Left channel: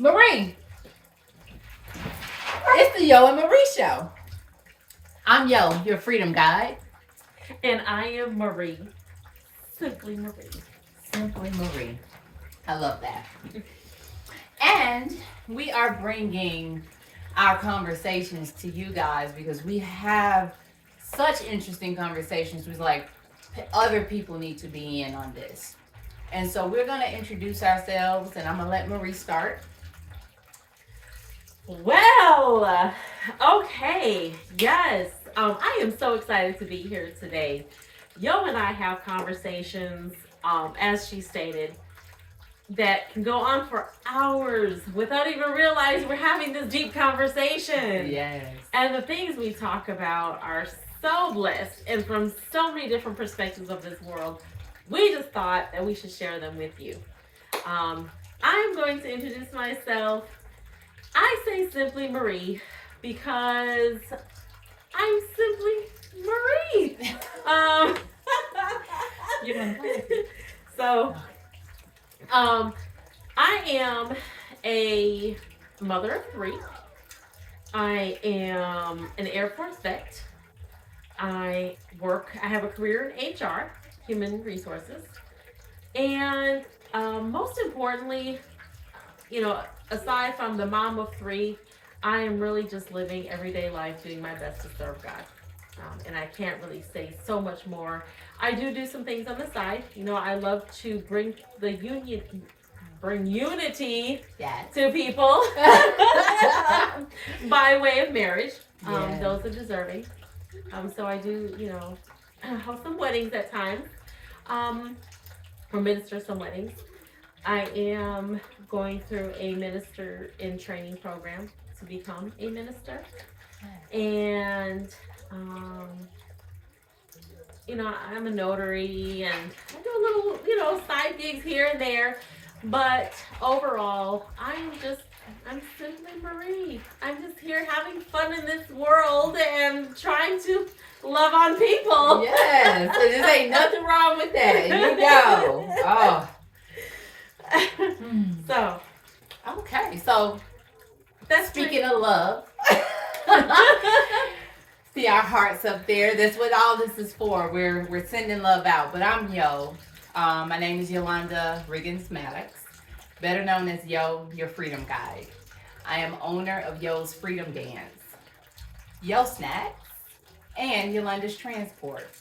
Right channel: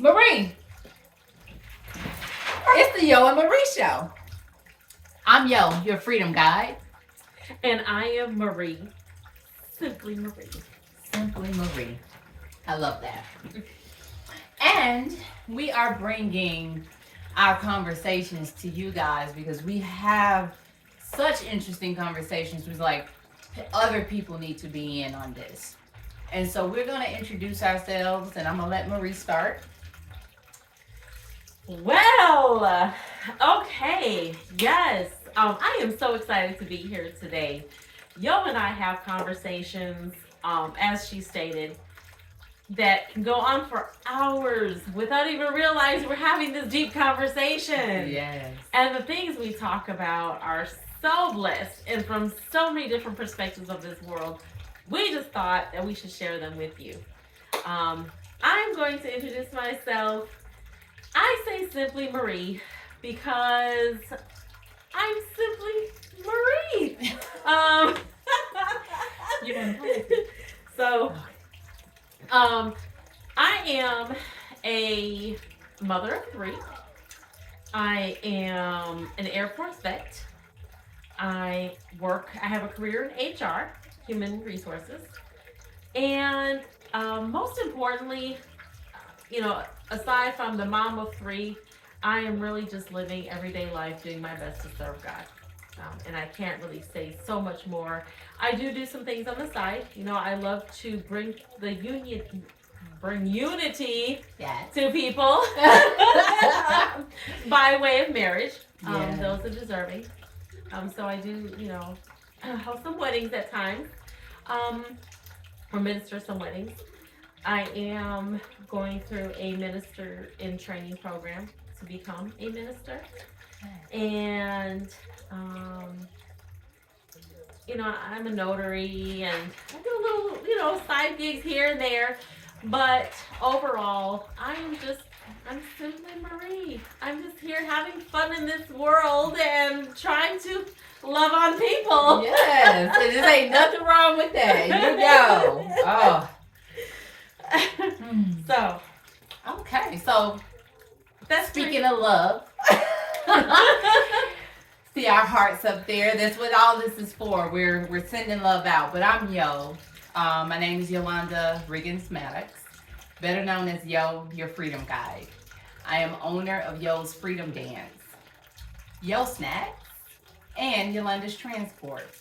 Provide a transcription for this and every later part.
Marie, it's the Yo and Marie show. I'm Yo, your freedom guide. And I am Marie. Simply Marie. Simply Marie. I love that. And we are bringing our conversations to you guys because we have such interesting conversations. We're like, other people need to be in on this. And so we're going to introduce ourselves, and I'm going to let Marie start. Well, okay, yes. I am so excited to be here today. Yo and I have conversations, as she stated, that can go on for hours without even realizing we're having this deep conversation. Yes. And the things we talk about are so blessed and from so many different perspectives of this world. We just thought that we should share them with you. I'm going to introduce myself. I say simply Marie because I'm simply Marie. You're going to So, I am a mother of 3. I am an Air Force vet. I have a career in HR, human resources. And most importantly, aside from the mom of 3, I am really just living everyday life, doing my best to serve God. And I can't really say so much more. I do some things on the side. I love to bring unity to people by way of marriage. Those are deserving. So I do, host some weddings at times, or minister some weddings. I am going through a minister in training program to become a minister. And, I'm a notary and I do little, side gigs here and there. But overall, I'm simply Marie. I'm just here having fun in this world and trying to love on people. Yes, there just ain't nothing wrong with that. You go. Oh. So, okay. So, that's speaking of love, see our hearts up there. That's what all this is for. We're sending love out. But I'm Yo. My name is Yolanda Riggins-Maddox, better known as Yo, your freedom guide. I am owner of Yo's Freedom Dance, Yo Snacks, and Yolanda's Transport.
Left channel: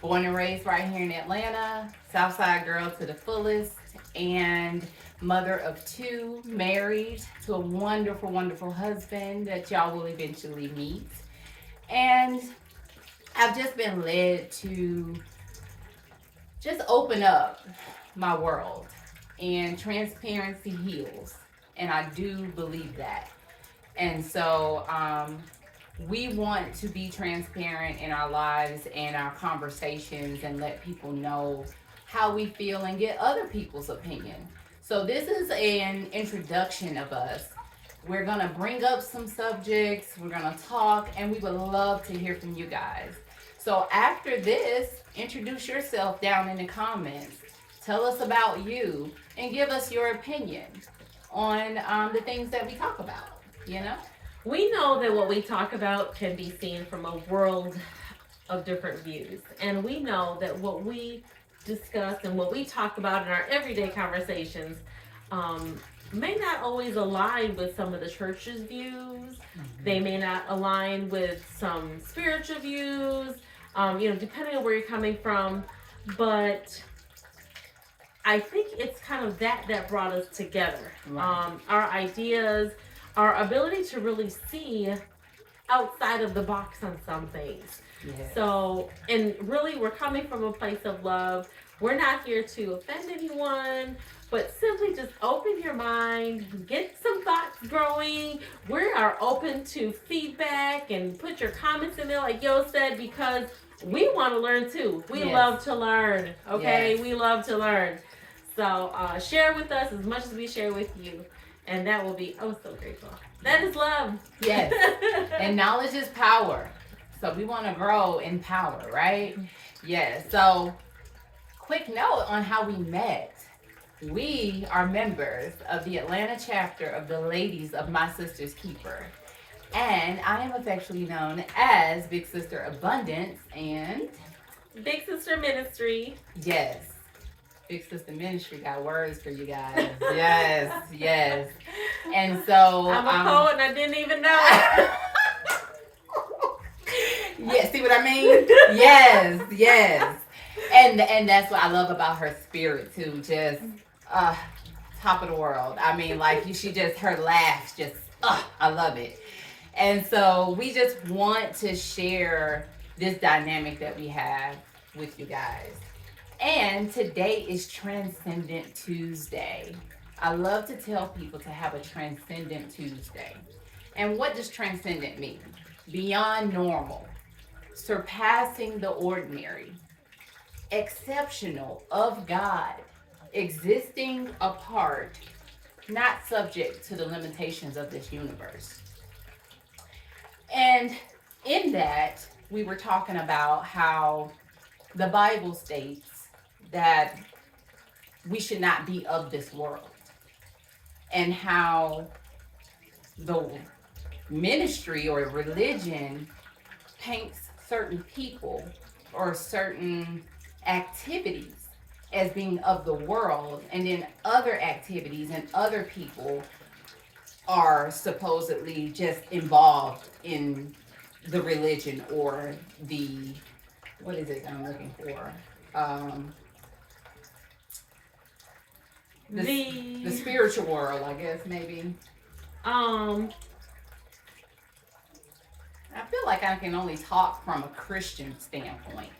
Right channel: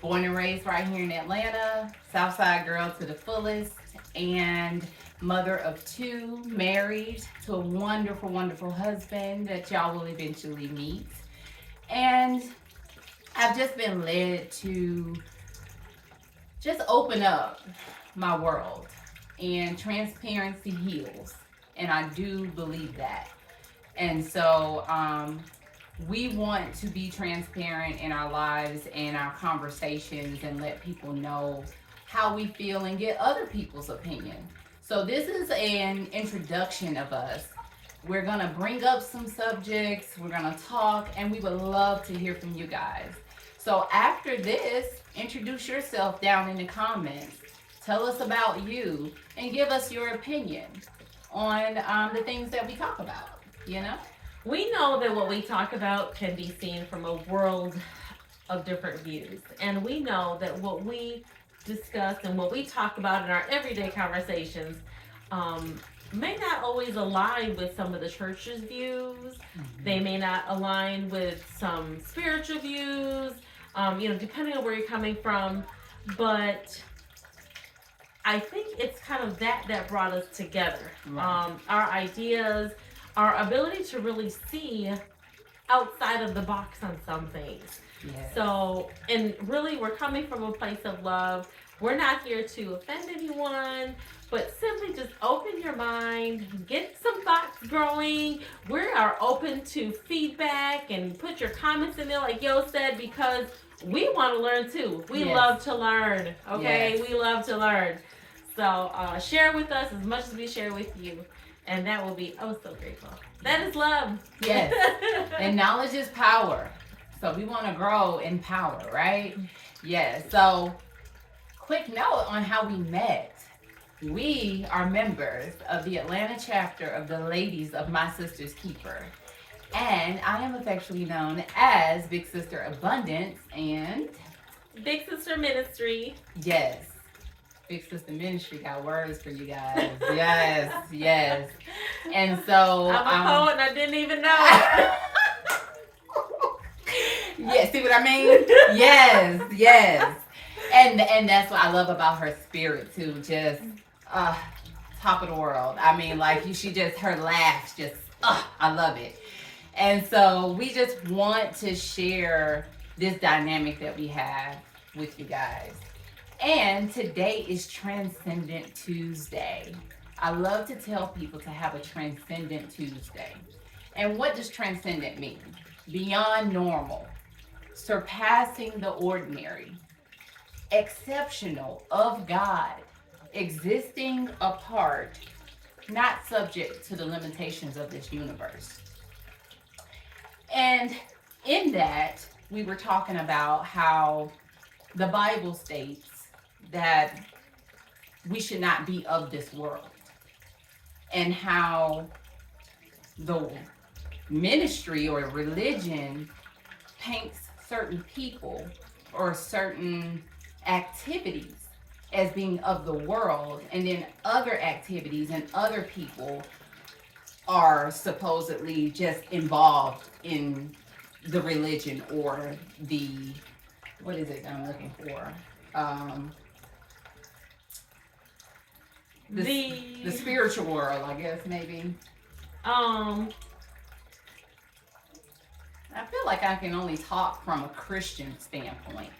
Born and raised right here in Atlanta, Southside girl to the fullest, and mother of 2, married to a wonderful, wonderful husband that y'all will eventually meet. And I've just been led to just open up my world, and transparency heals, and I do believe that. And so we want to be transparent in our lives and our conversations and let people know how we feel and get other people's opinion. So this is an introduction of us. We're gonna bring up some subjects, we're gonna talk, and we would love to hear from you guys. So after this, introduce yourself down in the comments. Tell us about you and give us your opinion on the things that we talk about, We know that what we talk about can be seen from a world of different views. And we know that what we discuss and what we talk about in our everyday conversations may not always align with some of the church's views. Mm-hmm. They may not align with some spiritual views, depending on where you're coming from. But I think it's kind of that brought us together. Right. Our ideas, our ability to really see outside of the box on some things. Yes. So, and really we're coming from a place of love. We're not here to offend anyone, but simply just open your mind, get some thoughts growing. We are open to feedback and put your comments in there like Yo said, because we want to learn too. We love to learn, okay? Yes. We love to learn. So share with us as much as we share with you. And that will be, so grateful. That is love. Yes. And knowledge is power. So we want to grow in power, right? Yes. So quick note on how we met. We are members of the Atlanta chapter of the Ladies of My Sister's Keeper. And I am affectionately known as Big Sister Abundance and Big Sister Ministry. yes, Big Sister Ministry got words for you guys. Yes, yes. And so I'm a poet and I didn't even know it. Yeah, see what I mean? Yes, yes. And that's what I love about her spirit too. Just top of the world. I mean, like she just her laughs just I love it. And so we just want to share this dynamic that we have with you guys. And today is Transcendent Tuesday. I love to tell people to have a Transcendent Tuesday. And what does transcendent mean? Beyond normal, surpassing the ordinary, exceptional, of God, existing apart, not subject to the limitations of this universe. And in that, we were talking about how the Bible states that we should not be of this world, and how the ministry or religion paints certain people or certain activities as being of the world, and then other activities and other people are supposedly just involved in the religion or the, what is it that I'm looking for? The spiritual world, I guess, maybe. I feel like I can only talk from a Christian standpoint.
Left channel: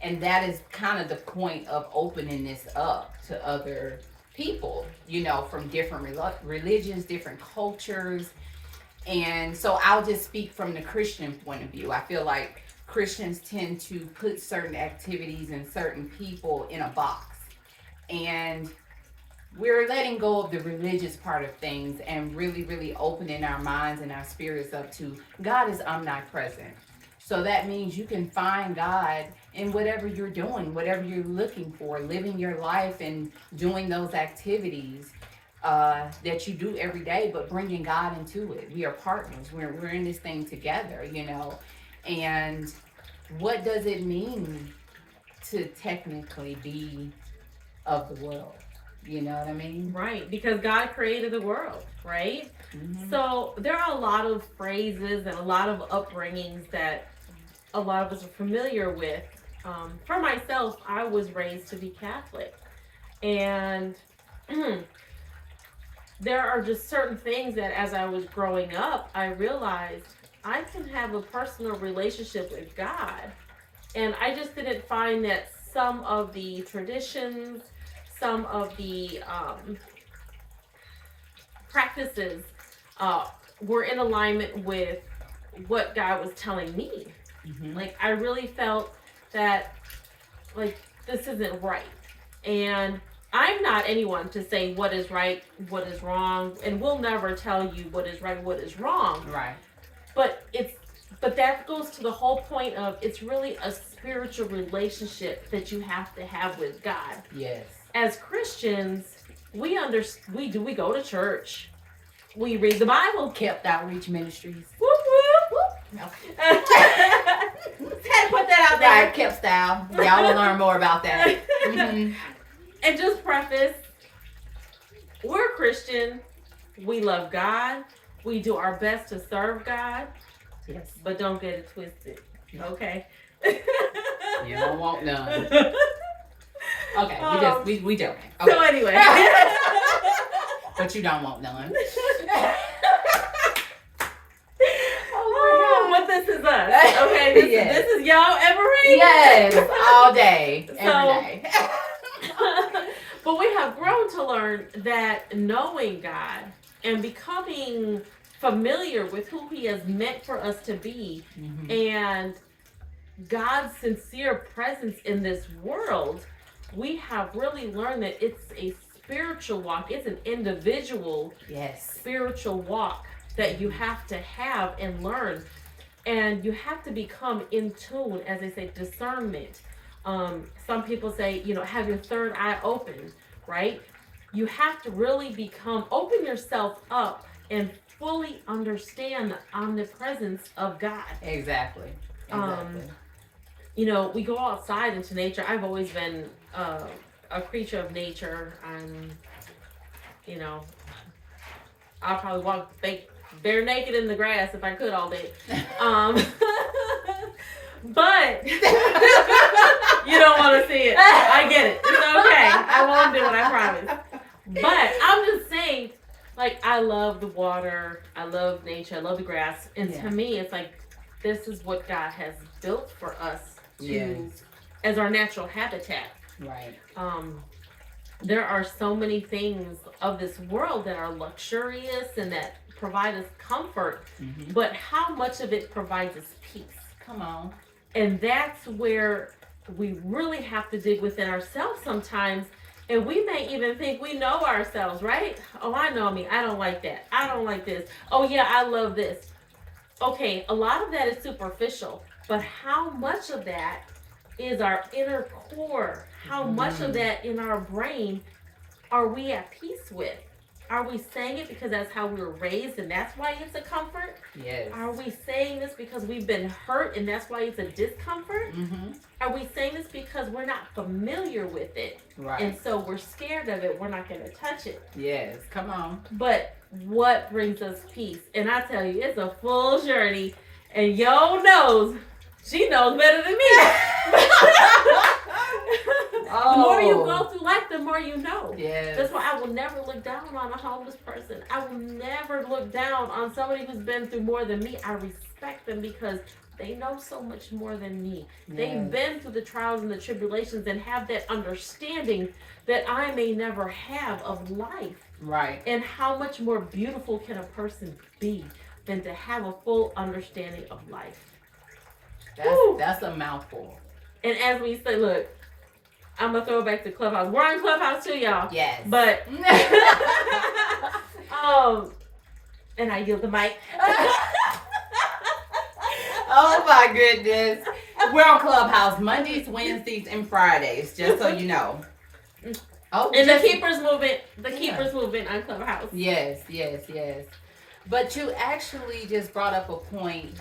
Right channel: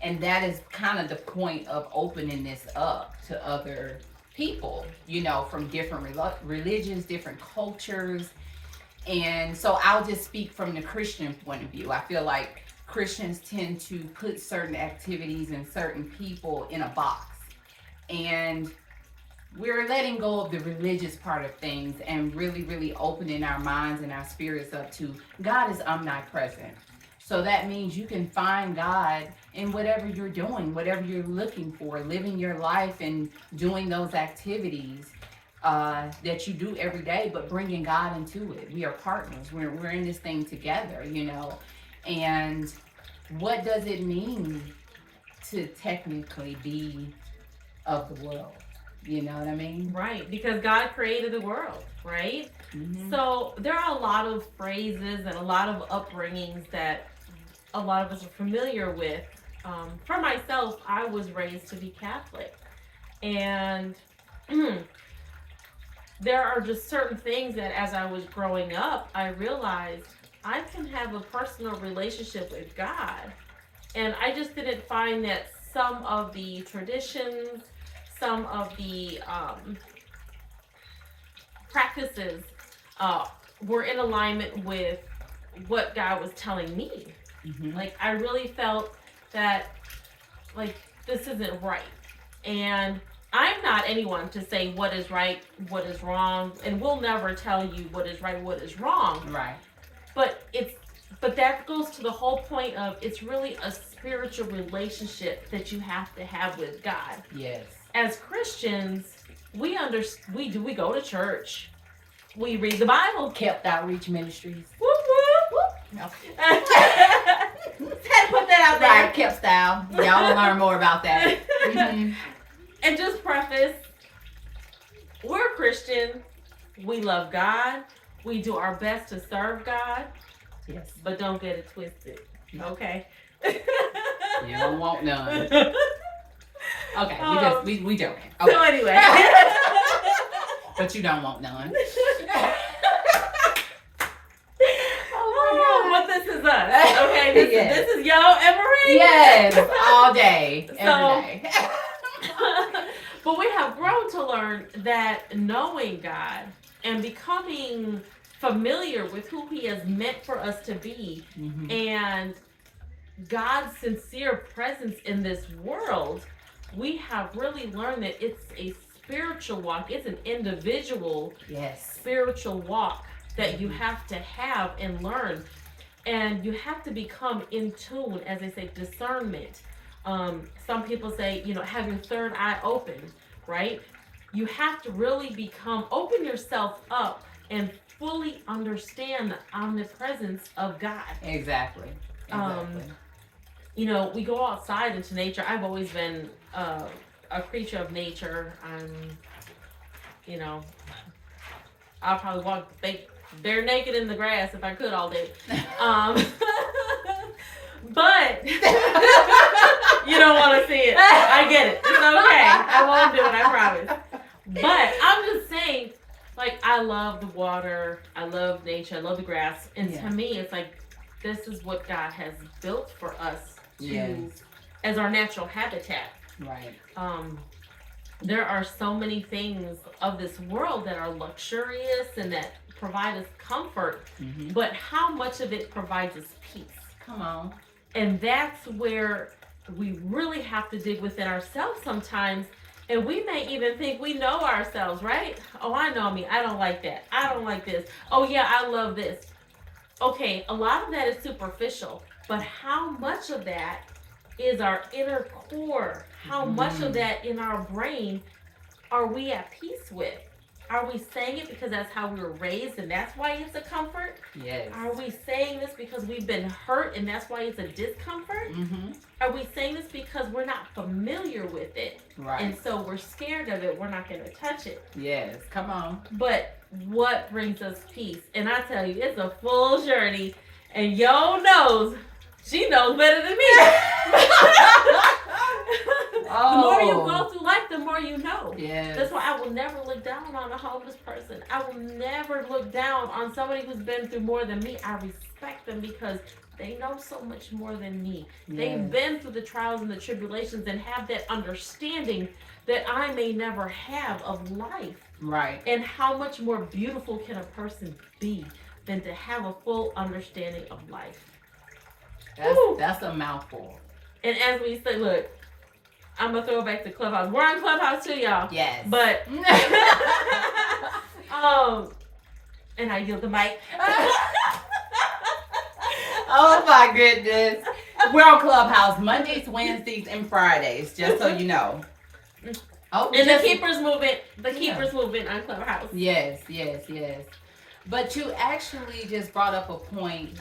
And that is kind of the point of opening this up to other people, you know, from different religions, different cultures. And so I'll just speak from the Christian point of view. I feel like Christians tend to put certain activities and certain people in a box. And we're letting go of the religious part of things and really, really opening our minds and our spirits up to God is omnipresent. So that means you can find God in whatever you're doing, whatever you're looking for, living your life and doing those activities that you do every day, but bringing God into it. We are partners. We're in this thing together, you know. And what does it mean to technically be of the world? You know what I mean? Right, because God created the world, right? Mm-hmm. So there are a lot of phrases and a lot of upbringings that a lot of us are familiar with. For myself, I was raised to be Catholic. And there are just certain things that as I was growing up, I realized I can have a personal relationship with God. And I just didn't find that some of the traditions, some of the practices were in alignment with what God was telling me. Mm-hmm. Like, I really felt that, like, this isn't right. And I'm not anyone to say what is right, what is wrong, and we'll never tell you what is right, what is wrong. Right. But that goes to the whole point of it's really a spiritual relationship that you have to have with God. Yes. As Christians, we go to church. We read the Bible. KEPT Outreach Ministries. Whoop, whoop, whoop. Okay. Had to put that out there. Right, KEPT style. Y'all will learn more about that. Mm-hmm. And just preface, we're Christian. We love God. We do our best to serve God. Yes. But don't get it twisted. Okay? You don't want none. Okay, we joking. Okay. So anyway. But you don't want none. Oh, but this is us. Okay, this is y'all Emery. Yes, all day, every day. But we have grown to learn that knowing God and becoming familiar with who He has meant for us to be, mm-hmm. and God's sincere presence in this world, we have really learned that it's a spiritual walk. It's an individual spiritual walk that you have to have and learn. And you have to become in tune, as they say, discernment. Some people say, have your third eye open, right? you have to really open yourself up and fully understand the omnipresence of God. Exactly. You know, we go outside into nature. I've always been a creature of nature. You know, I'll probably walk bare naked in the grass if I could all day. But you don't want to see it. I get it. It's okay. I won't do it. I promise. But I'm just saying, like, I love the water. I love nature. I love the grass. And to me, it's like, this is what God has built for us as our natural habitat. Right. There are so many things of this world that are luxurious and that provide us comfort, but how much of it provides us peace? Come on. And that's where we really have to dig within ourselves sometimes. And we may even think we know ourselves, right? Oh, I know me. I don't like that. I don't like this. Oh, yeah, I love this. Okay, a lot of that is superficial, but how much of that is our inner core? How much of that in our brain are we at peace with? Are we saying it because that's how we were raised and that's why it's a comfort? Yes. Are we saying this because we've been hurt and that's why it's a discomfort? Are we saying this because we're not familiar with it? Right. And so we're scared of it. We're not going to touch it. Yes. Come on. But what brings us peace? And I tell you, it's a full journey. And Yo knows. She knows better than me. The more you go through life, the more you know. Yes. That's why I will never look down on a homeless person. I will never look down on somebody who's been through more than me. I respect them because they know so much more than me. Yes. They've been through the trials and the tribulations and have that understanding that I may never have of life. Right. And how much more beautiful can a person be than to have a full understanding of life? That's a mouthful. And as we say, look, I'm going to throw it back to Clubhouse. We're on Clubhouse too, y'all. Yes. But, and I yield the mic. Oh my goodness. We're on Clubhouse Mondays, Wednesdays, and Fridays, just so you know. Oh, and the Keepers Movement on Clubhouse. Yes. But you actually just brought up a point.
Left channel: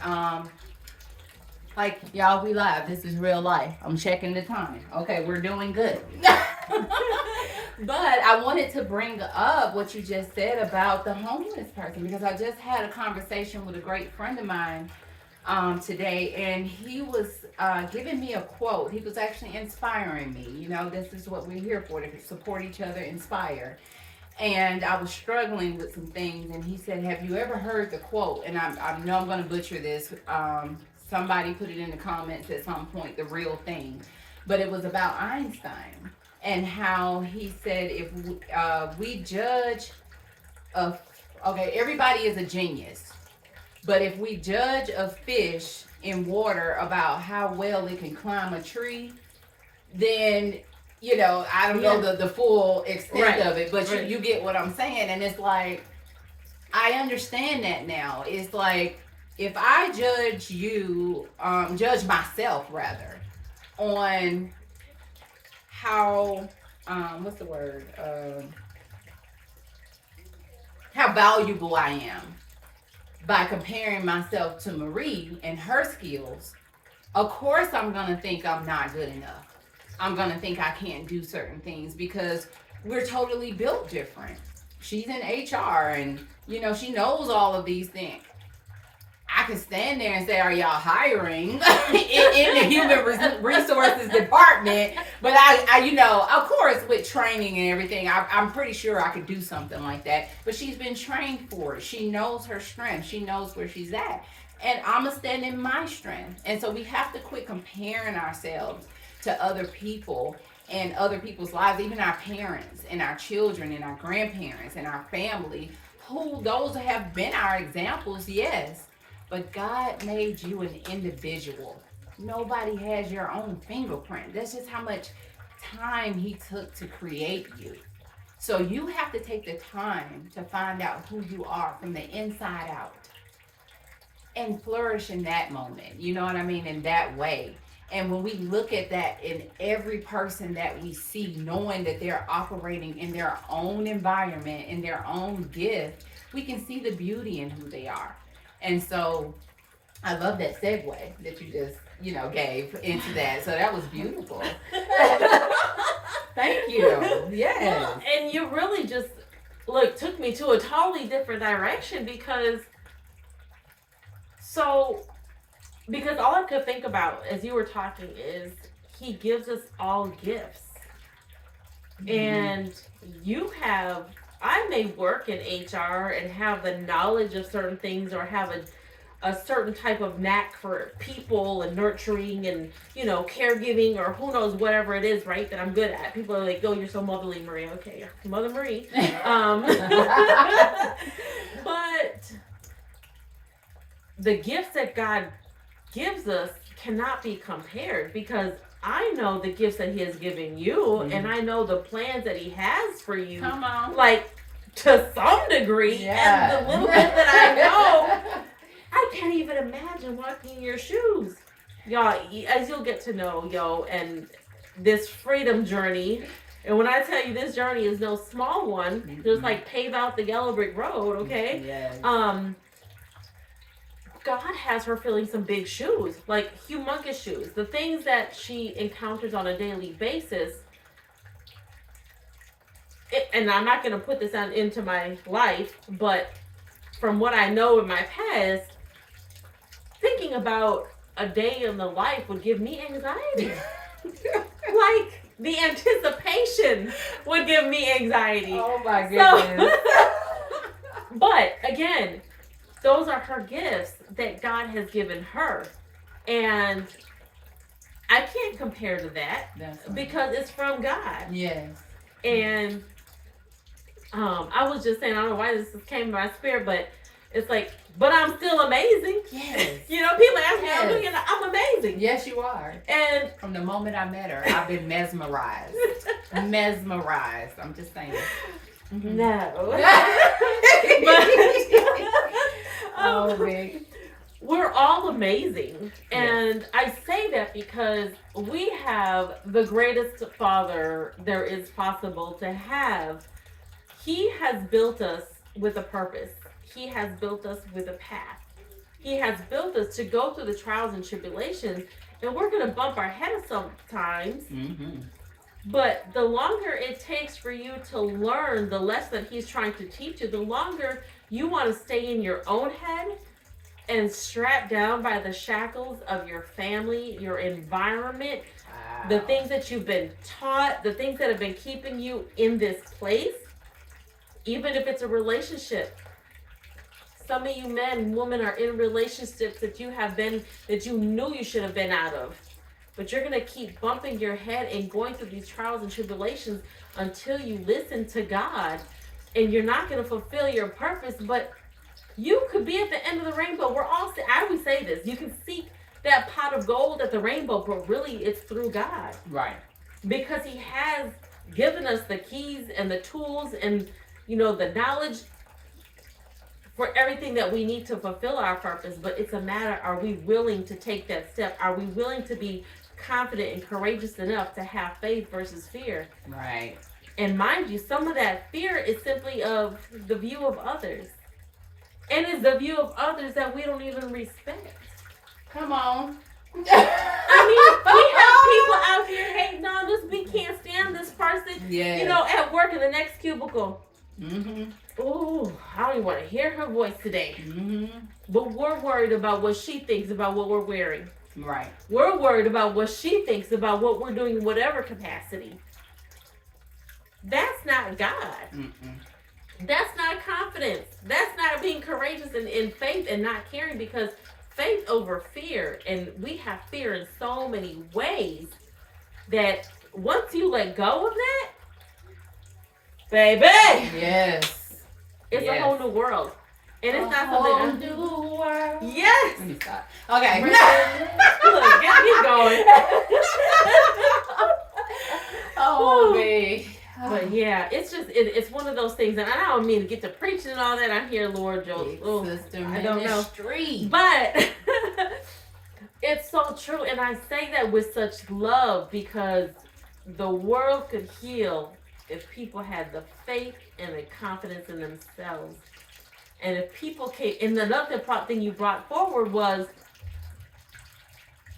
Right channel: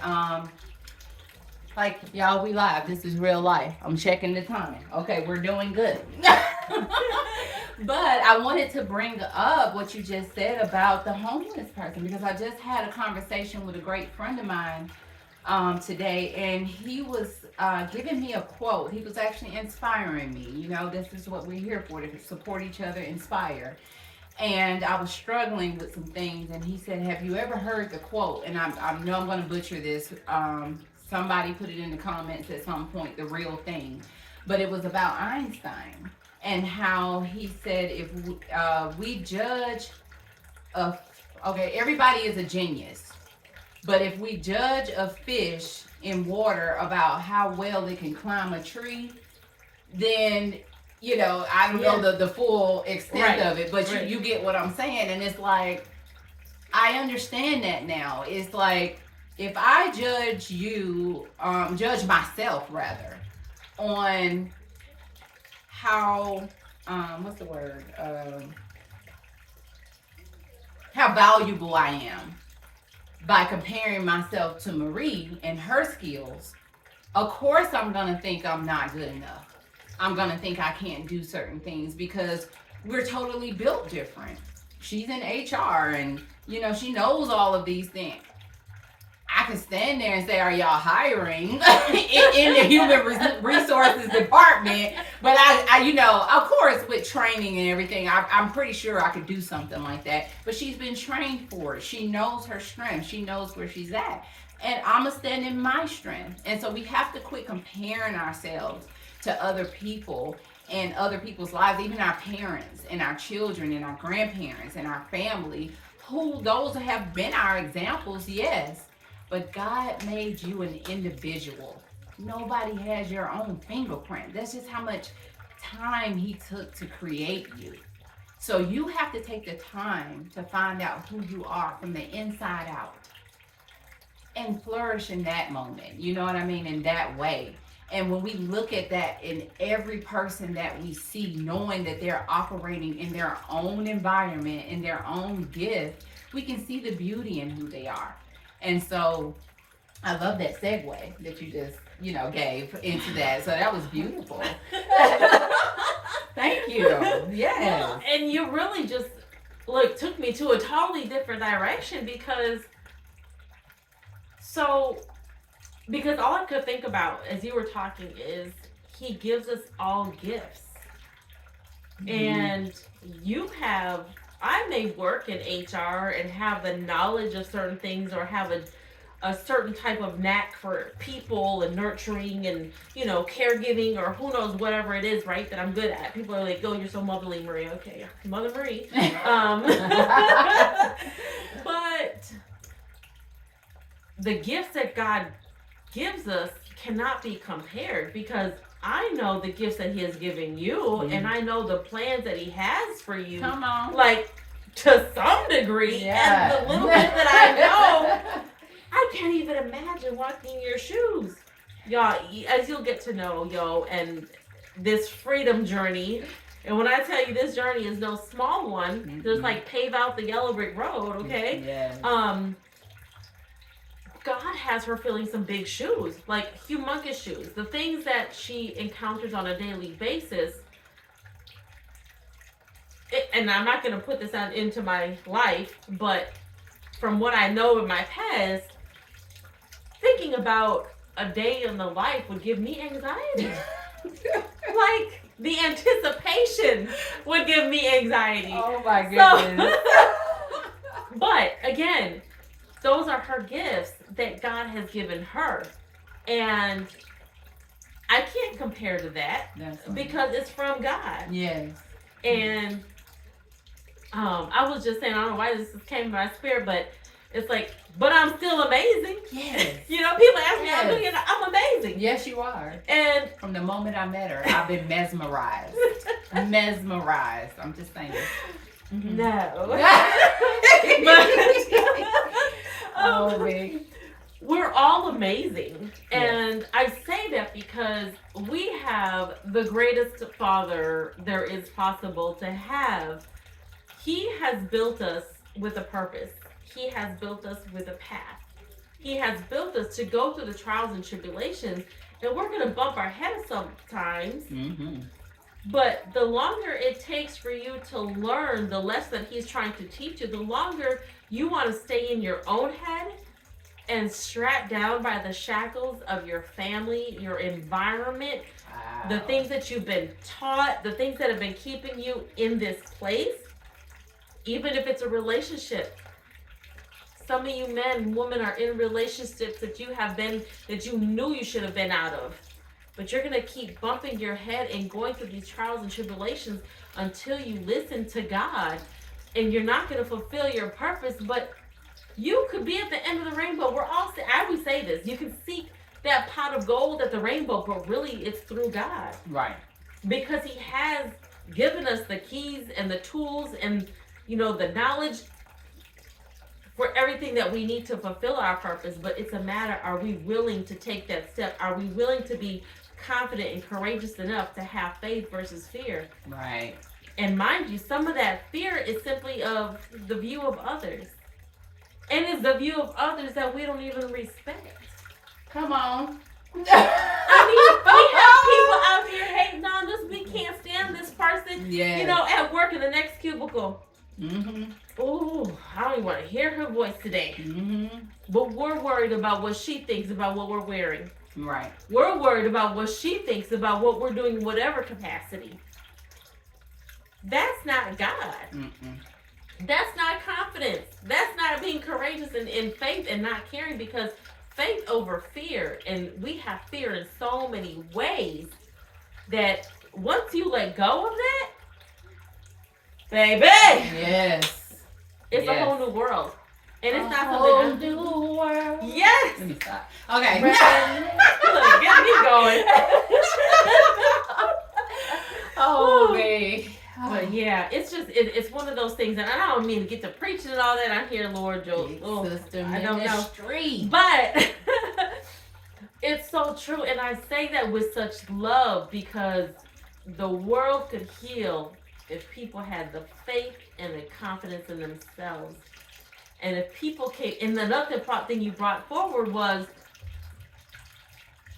Like, y'all, we live. This is real life. I'm checking the time. Okay, we're doing good. But I wanted to bring up what you just said about the homeless person, because I just had a conversation with a great friend of mine today, and he was giving me a quote. He was actually inspiring me. You know, this is what we're here for, to support each other, inspire. And I was struggling with some things, and he said, have you ever heard the quote? And I know I'm going to butcher this. Somebody put it in the comments at some point, the real thing. But it was about Einstein and how he said if we judge everybody is a genius. But if we judge a fish in water about how well it can climb a tree, then, you know, I don't know the full extent of it, but you get what I'm saying. And it's like, I understand that now. It's like, if I judge you, judge myself rather, on how, what's the word? How valuable I am by comparing myself to Marie and her skills, of course I'm going to think I'm not good enough. I'm going to think I can't do certain things because we're totally built different. She's in HR and, you know, she knows all of these things. I could stand there and say, are y'all hiring in the human resources department? But I, you know, of course, with training and everything, I'm pretty sure I could do something like that. But she's been trained for it. She knows her strength. She knows where she's at. And I'm going to stand in my strength. And so we have to quit comparing ourselves to other people and other people's lives, even our parents and our children and our grandparents and our family, who those have been our examples, yes. But God made you an individual. Nobody has your own fingerprint. That's just how much time he took to create you. So you have to take the time to find out who you are from the inside out and flourish in that moment. You know what I mean? In that way. And when we look at that in every person that we see, knowing that they're operating in their own environment, in their own gift, we can see the beauty in who they are. And so I love that segue that you just, gave into that. So that was beautiful. Thank you. Yes. Well, and you really just took me to a totally different direction because all I could think about as you were talking is he gives us all gifts. And I may work in HR and have the knowledge of certain things or have a certain type of knack for people and nurturing and, caregiving or who knows, whatever it is, right, that I'm good at. People are like, oh, you're so motherly, Marie. Okay, Mother Marie. But the gifts that God gives us cannot be compared because I know the gifts that he has given you and I know the plans that he has for you. Come on. To some degree. Yeah. And the little bit that I know, I can't even imagine walking in your shoes. Y'all, as you'll get to know, and this freedom journey, and when I tell you this journey is no small one, there's pave out the yellow brick road, okay? Yes. God has her filling some big shoes, humongous shoes. The things that she encounters on a daily basis, and I'm not going to put this out into my life, but from what I know in my past, thinking about a day in the life would give me anxiety. The anticipation would give me anxiety. Oh my goodness. But again, those are her gifts that God has given her. And I can't compare to that because it's from God. Yes. And I was just saying, I don't know why this came to my spirit, but it's but I'm still amazing. Yes. People ask me, I'm amazing. Yes, you are. And from the moment I met her, I've been mesmerized. Mesmerized. I'm just saying. Mm-hmm. No. But we're all amazing. And I say that because we have the greatest Father there is possible to have. He has built us with a purpose. He has built us with a path. He has built us to go through the trials and tribulations, and we're going to bump our heads sometimes. Mm-hmm. But the longer it takes for you to learn the lesson that he's trying to teach you, the longer you want to stay in your own head and strapped down by the shackles of your family, your environment, the things that you've been taught, the things that have been keeping you in this place, even if it's a relationship. Some of you men and women are in relationships that you knew you should have been out of. But you're going to keep bumping your head and going through these trials and tribulations until you listen to God. And you're not going to fulfill your purpose, but you could be at the end of the rainbow. I always say this, you can seek that pot of gold at the rainbow, but really it's through God. Right. Because he has given us the keys and the tools and, the knowledge for everything that we need to fulfill our purpose. But it's a matter, are we willing to take that step? Are we willing to be confident and courageous enough to have faith versus fear? Right. And mind you, some of that fear is simply of the view of others. And it's the view of others that we don't even respect. Come on. We have people out here hating on us. We can't stand this person, at work in the next cubicle. Mm-hmm. Oh, I don't even want to hear her voice today. Mm-hmm. But we're worried about what she thinks about what we're wearing. Right. We're worried about what she thinks about what we're doing in whatever capacity. That's not God. Mm-mm. That's not confidence. That's not being courageous in faith and not caring, because faith over fear. And we have fear in so many ways that once you let go of that, baby. Yes. It's a whole new world. And it's not something. A whole new world. Yes. Let me stop. Okay. Look, get me going. Oh, man. But yeah, it's just, it's one of those things, and I don't mean to get to preaching and all that. I'm here, Lord Joe. Sister I don't know. Street. But It's so true. And I say that with such love because the world could heal if people had the faith and the confidence in themselves. And if people came, and another thing you brought forward was,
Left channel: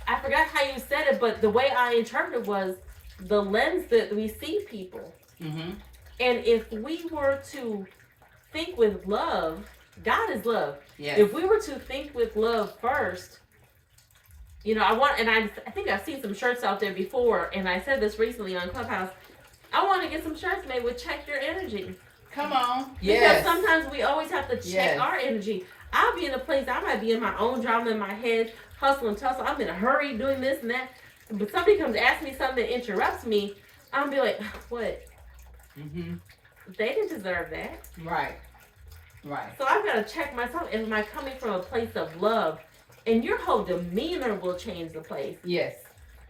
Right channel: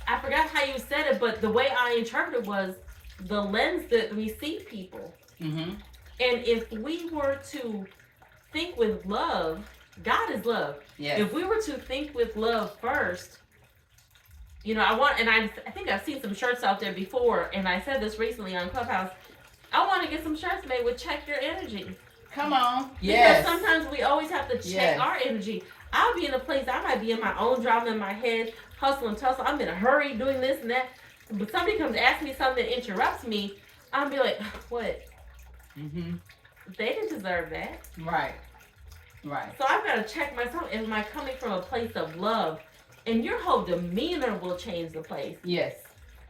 I forgot how you said it, but the way I interpreted was the lens that we see people. Mm-hmm. And if we were to think with love, God is love. Yes. If we were to think with love first, I think I've seen some shirts out there before, and I said this recently on Clubhouse. I want to get some shirts made with check your energy. Come on. Because sometimes we always have to check Yes. our energy. I'll be in a place, I might be in my own drama in my head, hustle and tussle. I'm in a hurry doing this and that. But somebody comes to ask me something that interrupts me, I'll be like, what? Mm-hmm. They didn't deserve that. Right. Right. So I've got to check myself. Am I coming from a place of love? And your whole demeanor will change the place. Yes.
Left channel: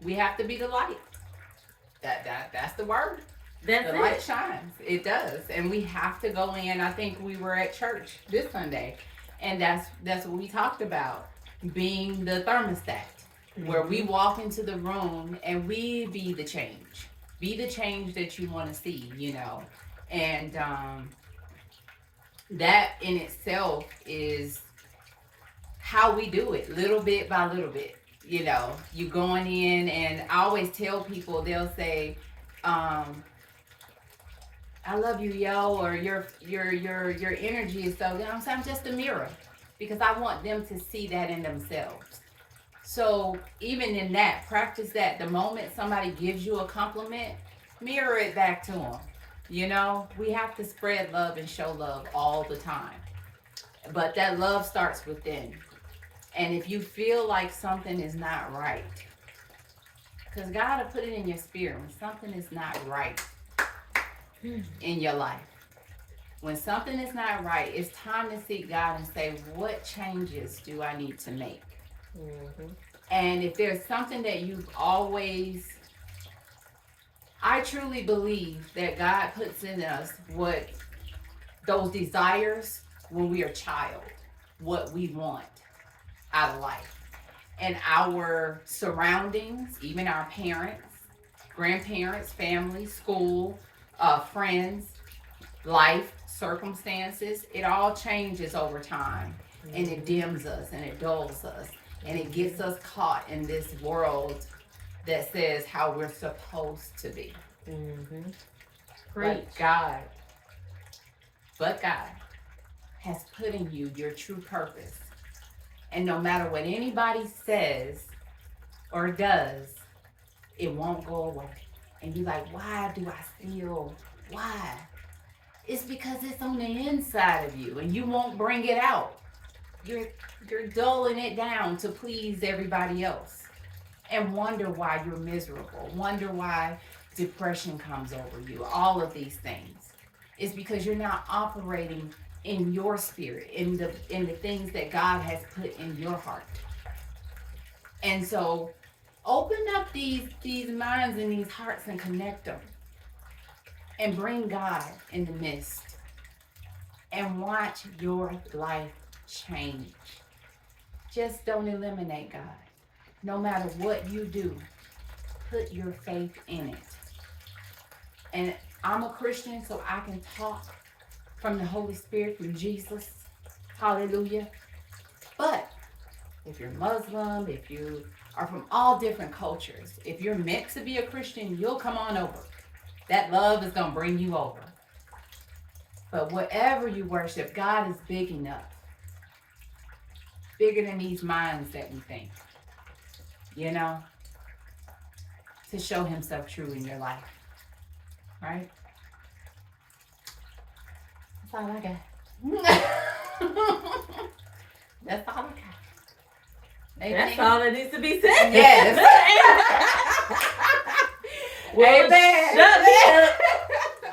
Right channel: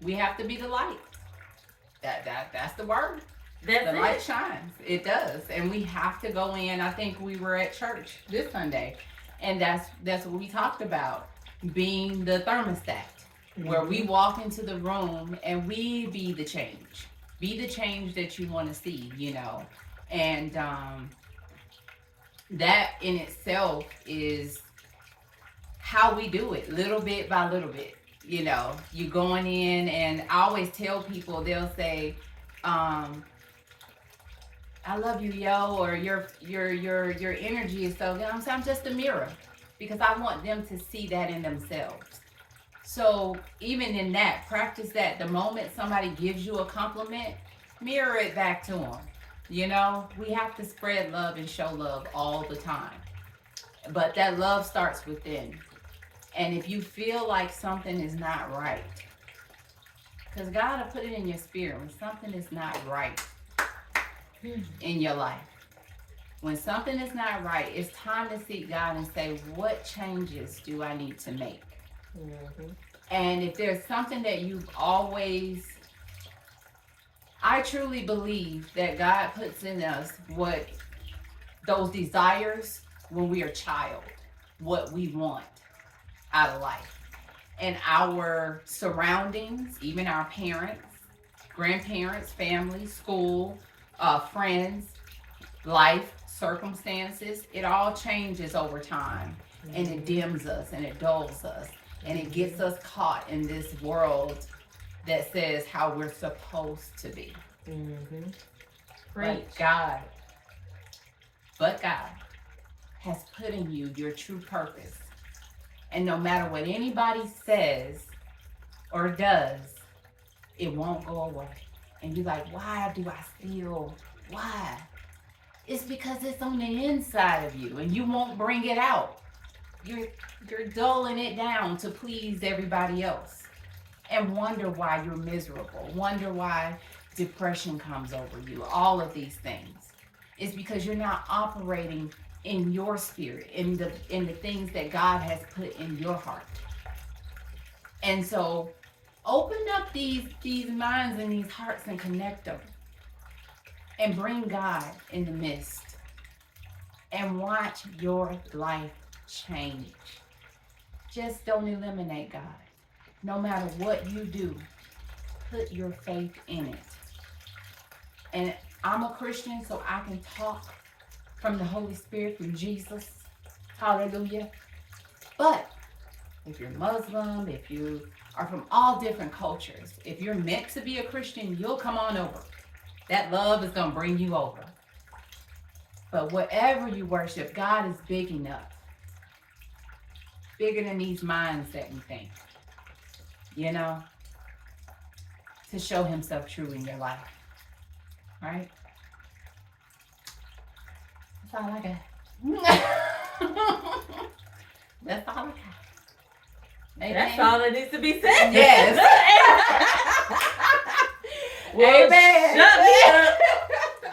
We have to be the light. That's the word. That's the it. light shines. It does. And we have to go in. I think we were at church this Sunday, and that's what we talked about, being the thermostat, where we walk into the room and we be the change. Be the change that you want to see, And that in itself is how we do it, little bit by little bit. You going in, and I always tell people, they'll say, I love you, yo, or your energy is so good. I'm just a mirror, because I want them to see that in themselves. So even in that, practice that. The moment somebody gives you a compliment, mirror it back to them. We have to spread love and show love all the time. But that love starts within. And if you feel like something is not right, because God will put it in your spirit when something is not right in your life. When something is not right, it's time to seek God and say, what changes do I need to make? Mm-hmm. And if there's something that you've always, I truly believe that God puts in us what those desires when we are a child, what we want out of life. And our surroundings, even our parents, grandparents, family, school, friends, life, circumstances, it all changes over time. Mm-hmm. And it dims us and it dulls us. And it gets us caught in this world that says how we're supposed to be. Mm-hmm. But God has put in you your true purpose. And no matter what anybody says or does, it won't go away. And you're like, why do I feel? Why? It's because it's on the inside of you, and you won't bring it out. You're dulling it down to please everybody else, and wonder why you're miserable. Wonder why depression comes over you. All of these things. It's because you're not operating in your spirit, in the things that God has put in your heart. And so open up these minds and these hearts and connect them. And bring God in the midst. And watch your life change. Just don't eliminate God. No matter what you do, put your faith in it. And I'm a Christian, so I can talk from the Holy Spirit, from Jesus. Hallelujah. But if you're Muslim, if you are from all different cultures, if you're meant to be a Christian, you'll come on over. That love is going to bring you over. But whatever you worship, God is big enough. Bigger than these minds that we think. To show himself true in your life. Right? That's all I got. That's all I got. That's all that needs to be said. Yes. Well, amen. Shut me up.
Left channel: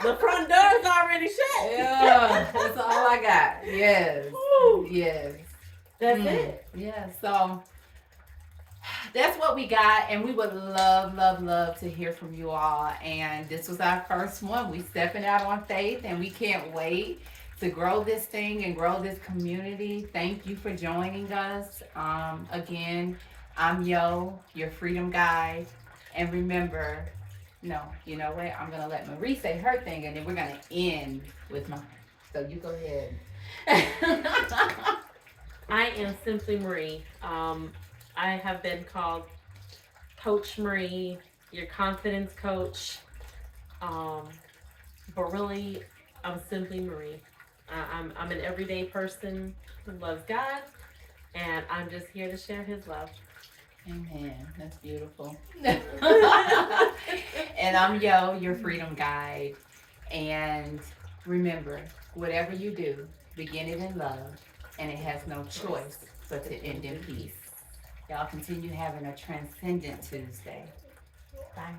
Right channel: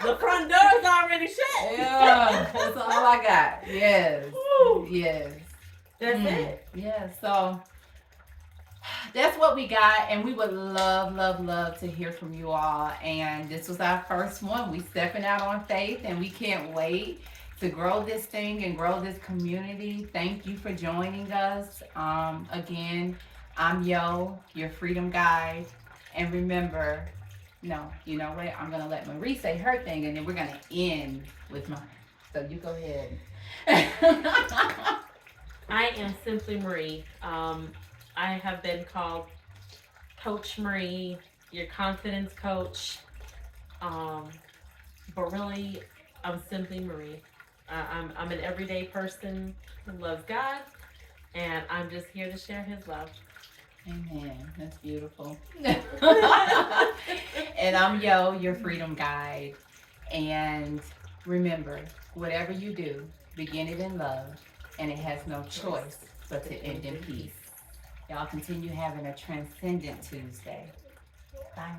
The front door's already shut. Yeah, that's all I got. Yes. Woo. Yes. That's it. Yeah, so that's what we got, and we would love to hear from you all. And this was our first one. We stepping out on faith, and we can't wait to grow this thing and grow this community. Thank you for joining us. Again, I'm Yo, your freedom guide. And remember, no, you know what? I'm going to let Marie say her thing and then we're going to end with mine. So you go ahead. I am simply Marie. I have been called Coach Marie, your confidence coach. Um, but really, I'm simply Marie. I'm an everyday person who loves God, and I'm just here to share His love. Amen. That's beautiful. And I'm Yo, your freedom guide. And remember, whatever you do, begin it in love, and it has no choice but to end in peace. Y'all continue having a transcendent Tuesday. Bye.